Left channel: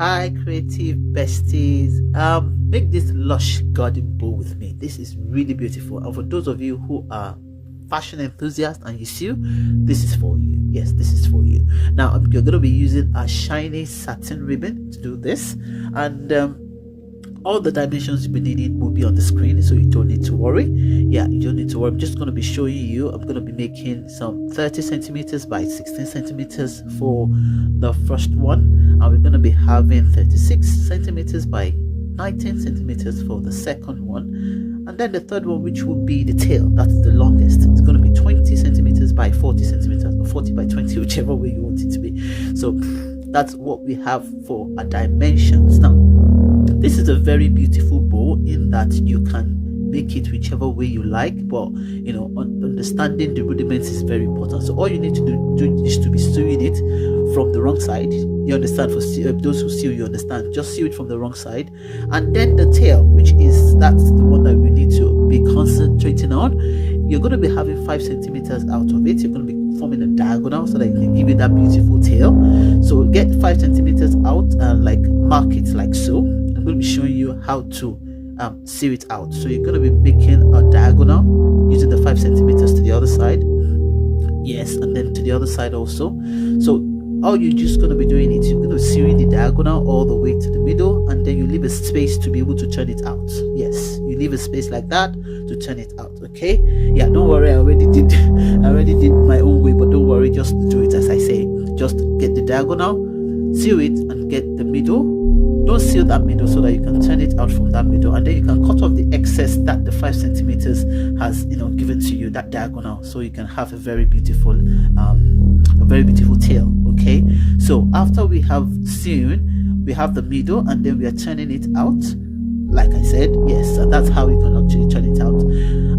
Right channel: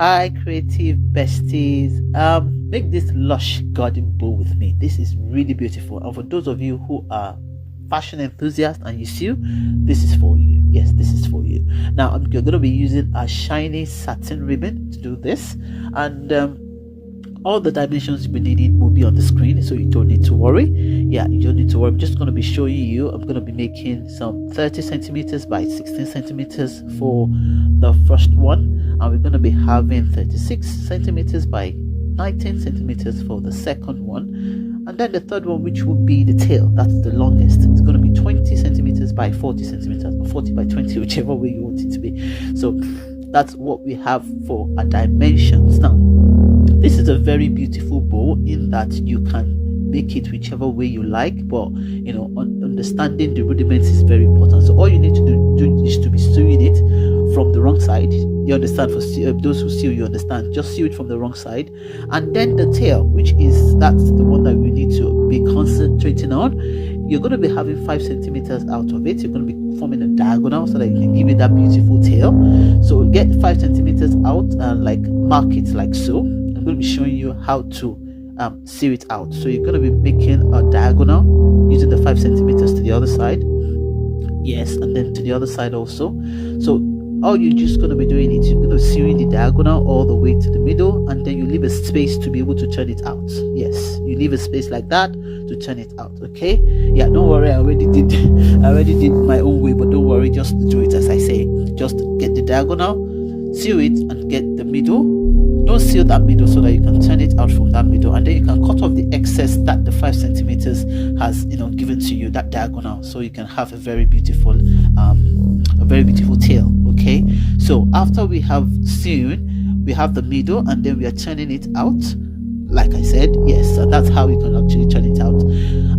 Hi, creative besties. Make this lush garden bow with me. This is really beautiful. And for those of you who are fashion enthusiasts and you sew, this is for you. Yes, this is for you. Now, you're going to be using a shiny satin ribbon to do this, and all the dimensions you'll be needing will be on the screen, so you don't need to worry. Yeah, you don't need to worry. I'm just going to be showing you. I'm going to be making some 30 centimeters by 16 centimeters for the first one, and we're going to be having 36 centimeters by 19 centimeters for the second one, and then the third one, which will be the tail, that's the longest. It's going to be 20 centimeters by 40 centimeters, or 40 by 20, whichever way you want it to be. So that's what we have for our dimensions. Now, this is a very beautiful bow in that you can make it whichever way you like, but you know, understanding the rudiments is very important. So all you need to do is to be sewing it from the wrong side. You understand? For those who sew, you understand, just sew it from the wrong side, and then the tail, that's the one that we need to be concentrating on. You're going to be having 5 centimeters out of it. You're going to be forming a diagonal so that you can give it that beautiful tail. So get 5 centimeters out and like mark it like so. I'm going to be showing you how to sew it out. So you're going to be making a diagonal using the 5 centimeters to the other side, yes, and then to the other side also. So all you're just going to be doing is you're going to be sewing the diagonal all the way to the middle, and then you leave a space to be able to turn it out. Yes, you leave a space like that to turn it out. Okay, yeah, don't worry, I already did my own way, but don't worry, just do it as I say. Just get the diagonal, sew it, and get the middle. Don't seal that middle so that you can turn it out from that middle, and then you can cut off the excess that the 5 centimeters has, you know, given to you, that diagonal, so you can have a very beautiful tail. Okay, so after we have sewn, we have the middle, and then we are turning it out like I said. Yes, and that's how you can actually turn it out.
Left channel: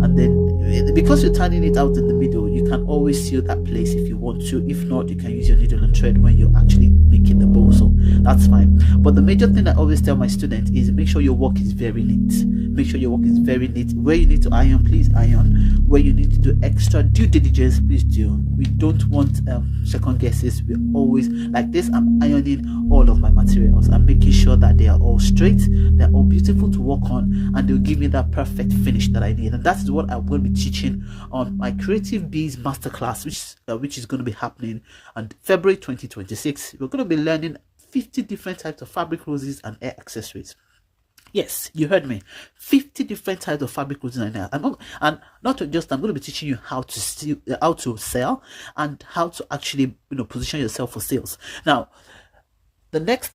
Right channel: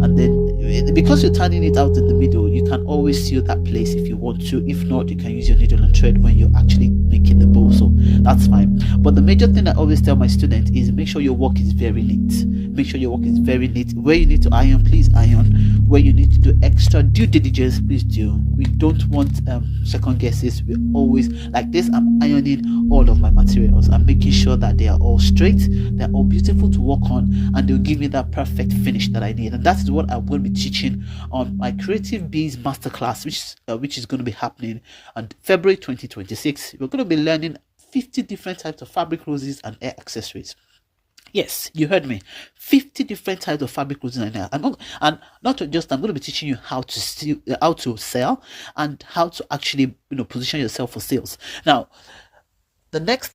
And then because you're turning it out in the middle, you can always seal that place if you want to. If not, you can use your needle and thread when you're actually making the bow, so that's fine. But the major thing I always tell my students is make sure your work is very neat. Make sure your work is very neat. Where you need to iron, please iron. Where you need to do extra due diligence, please do. We don't want second guesses. We always, like this, I'm ironing all of my materials. I'm making sure that they are all straight, they're all beautiful to work on, and they'll give me that perfect finish that I need. And that is what I'm going to be teaching on my Creative Bees Masterclass, which is going to be happening on February 2026. We're going to be learning 50 different types of fabric roses and hair accessories. Yes, you heard me. 50 different types of fabric roses and hair. I'm going to be teaching you how to sell, and how to actually, you know, position yourself for sales. Now, the next